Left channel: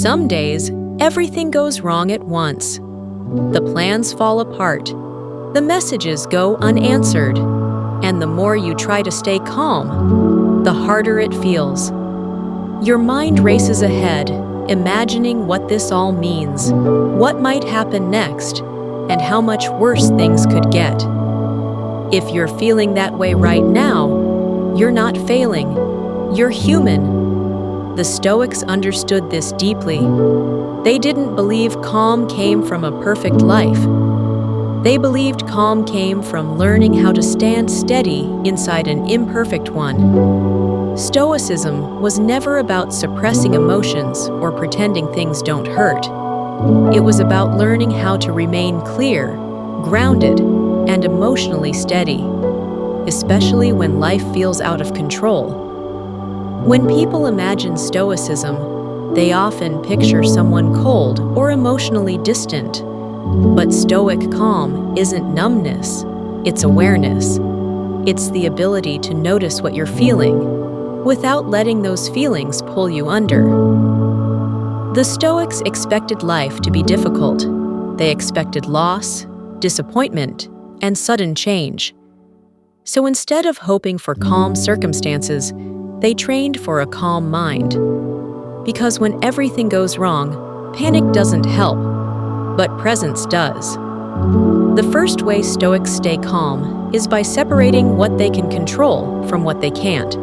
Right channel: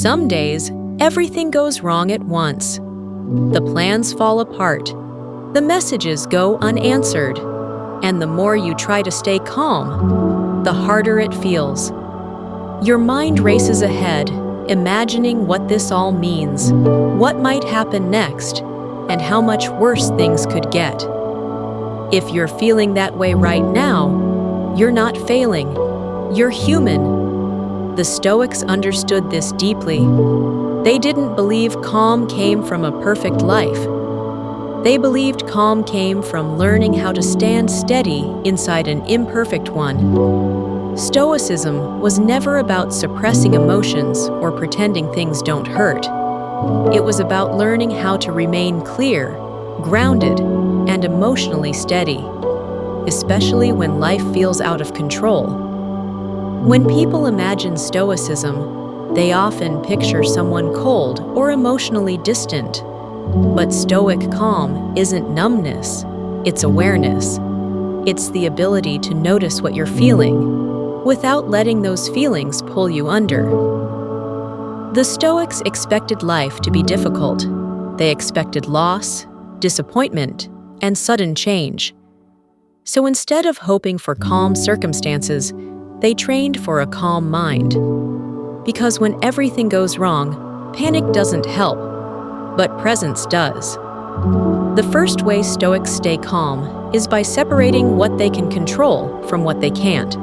Some days, everything goes wrong at once. The plans fall apart. The messages go unanswered. And the more you try to stay calm, the harder it feels. Your mind races ahead, imagining what this all means, what might happen next, and how much worse things could get. If you're feeling that way right now, you're not failing. You're human. The Stoics understood this deeply. They didn't believe calm came from a perfect life. They believed calm came from learning how to stand steady inside an imperfect one. Stoicism was never about suppressing emotions or pretending things don't hurt. It was about learning how to remain clear, grounded, and emotionally steady, especially when life feels out of control. When people imagine Stoicism, they often picture someone cold or emotionally distant. But Stoic calm isn't numbness, it's awareness. It's the ability to notice what you're feeling, without letting those feelings pull you under. The Stoics expected life to be difficult. They expected loss, disappointment, and sudden change. So instead of hoping for calm circumstances, they trained for a calm mind. Because when everything goes wrong, panic doesn't help, but presence does. The first way Stoics stay calm is by separating what they can control from what they can't.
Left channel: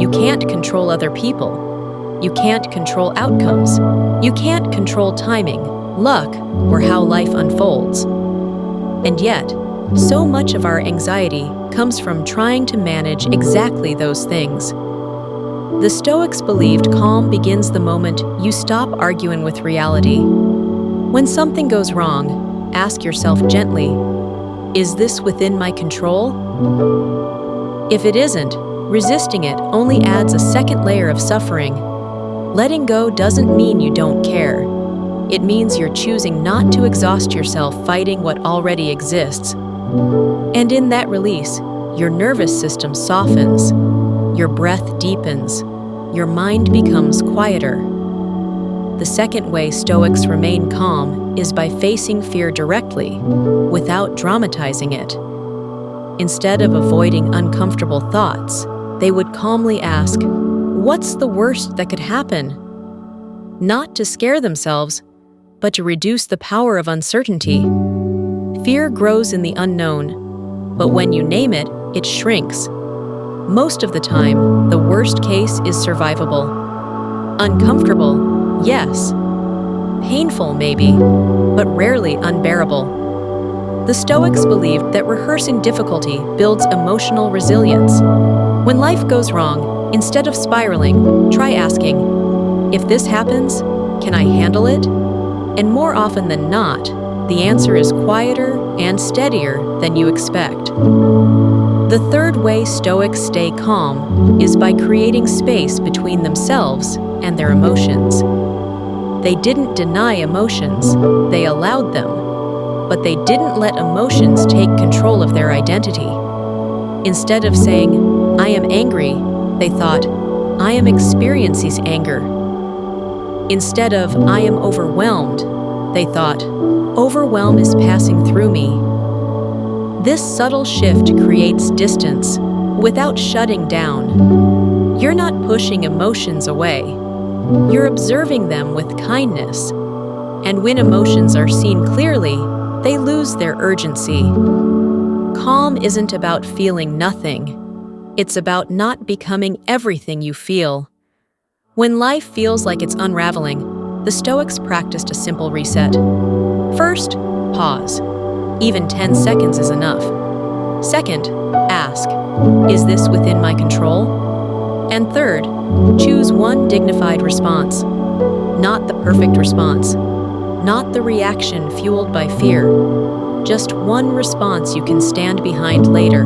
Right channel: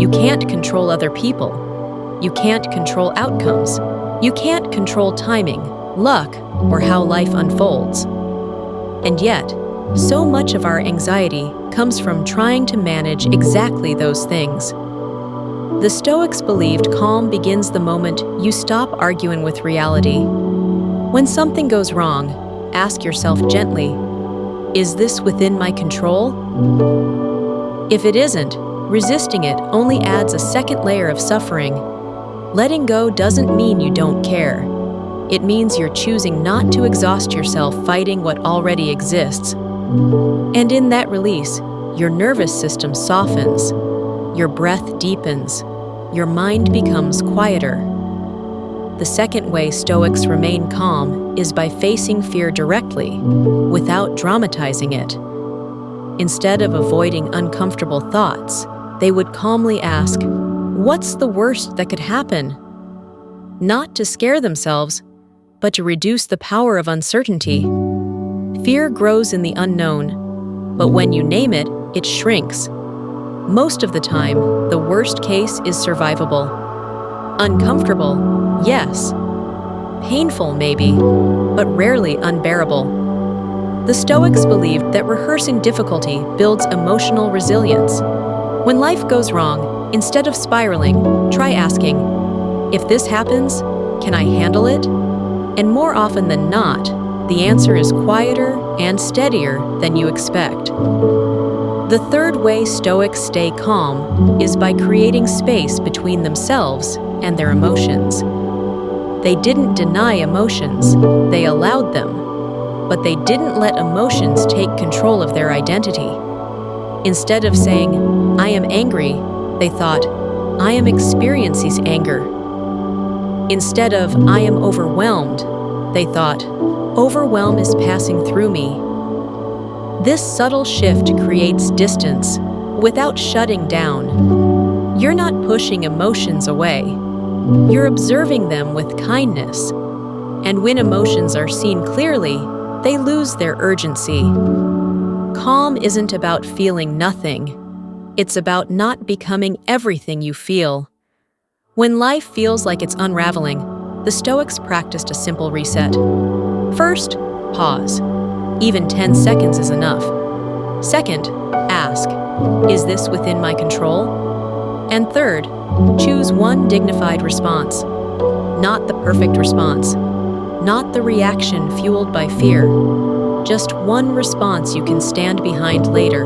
You can't control other people. You can't control outcomes. You can't control timing, luck, or how life unfolds. And yet, so much of our anxiety comes from trying to manage exactly those things. The Stoics believed calm begins the moment you stop arguing with reality. When something goes wrong, ask yourself gently, is this within my control? If it isn't, resisting it only adds a second layer of suffering. Letting go doesn't mean you don't care. It means you're choosing not to exhaust yourself fighting what already exists. And in that release, your nervous system softens, your breath deepens, your mind becomes quieter. The second way Stoics remain calm is by facing fear directly, without dramatizing it. Instead of avoiding uncomfortable thoughts, they would calmly ask, what's the worst that could happen? Not to scare themselves, but to reduce the power of uncertainty. Fear grows in the unknown, but when you name it, it shrinks. Most of the time, the worst case is survivable. Uncomfortable, yes. Painful, maybe, but rarely unbearable. The Stoics believed that rehearsing difficulty builds emotional resilience. When life goes wrong, instead of spiraling, try asking, if this happens, can I handle it? And more often than not, the answer is quieter and steadier than you expect. The third way Stoics stay calm is by creating space between themselves and their emotions. They didn't deny emotions, they allowed them, but they didn't let emotions take control of their identity. Instead of saying, I am angry, they thought, I am experiencing anger. Instead of, I am overwhelmed, they thought, overwhelm is passing through me. This subtle shift creates distance without shutting down. You're not pushing emotions away. You're observing them with kindness. And when emotions are seen clearly, they lose their urgency. Calm isn't about feeling nothing. It's about not becoming everything you feel. When life feels like it's unraveling, the Stoics practiced a simple reset. First, pause. Even 10 seconds is enough. Second, ask, is this within my control? And third, choose one dignified response. Not the perfect response. Not the reaction fueled by fear. Just one response you can stand behind later.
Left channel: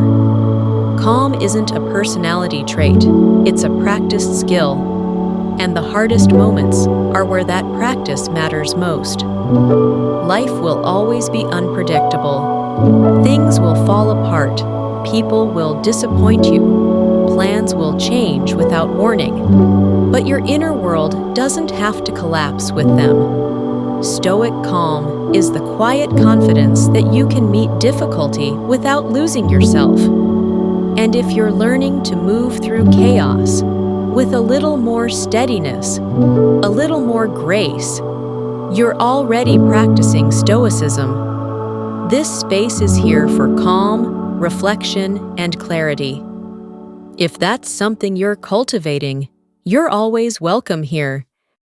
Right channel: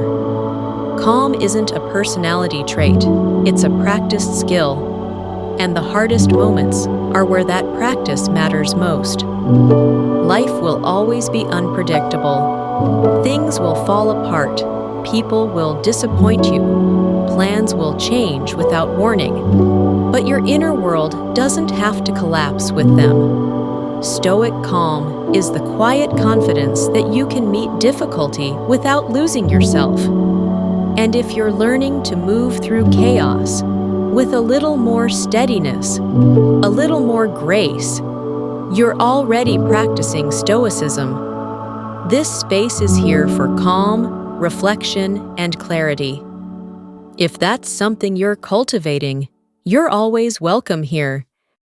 Calm isn't a personality trait, it's a practiced skill. And the hardest moments are where that practice matters most. Life will always be unpredictable. Things will fall apart. People will disappoint you. Plans will change without warning. but your inner world doesn't have to collapse with them. Stoic calm is the quiet confidence that you can meet difficulty without losing yourself. And if you're learning to move through chaos with a little more steadiness, a little more grace, you're already practicing Stoicism. This space is here for calm, reflection, and clarity. If that's something you're cultivating, you're always welcome here.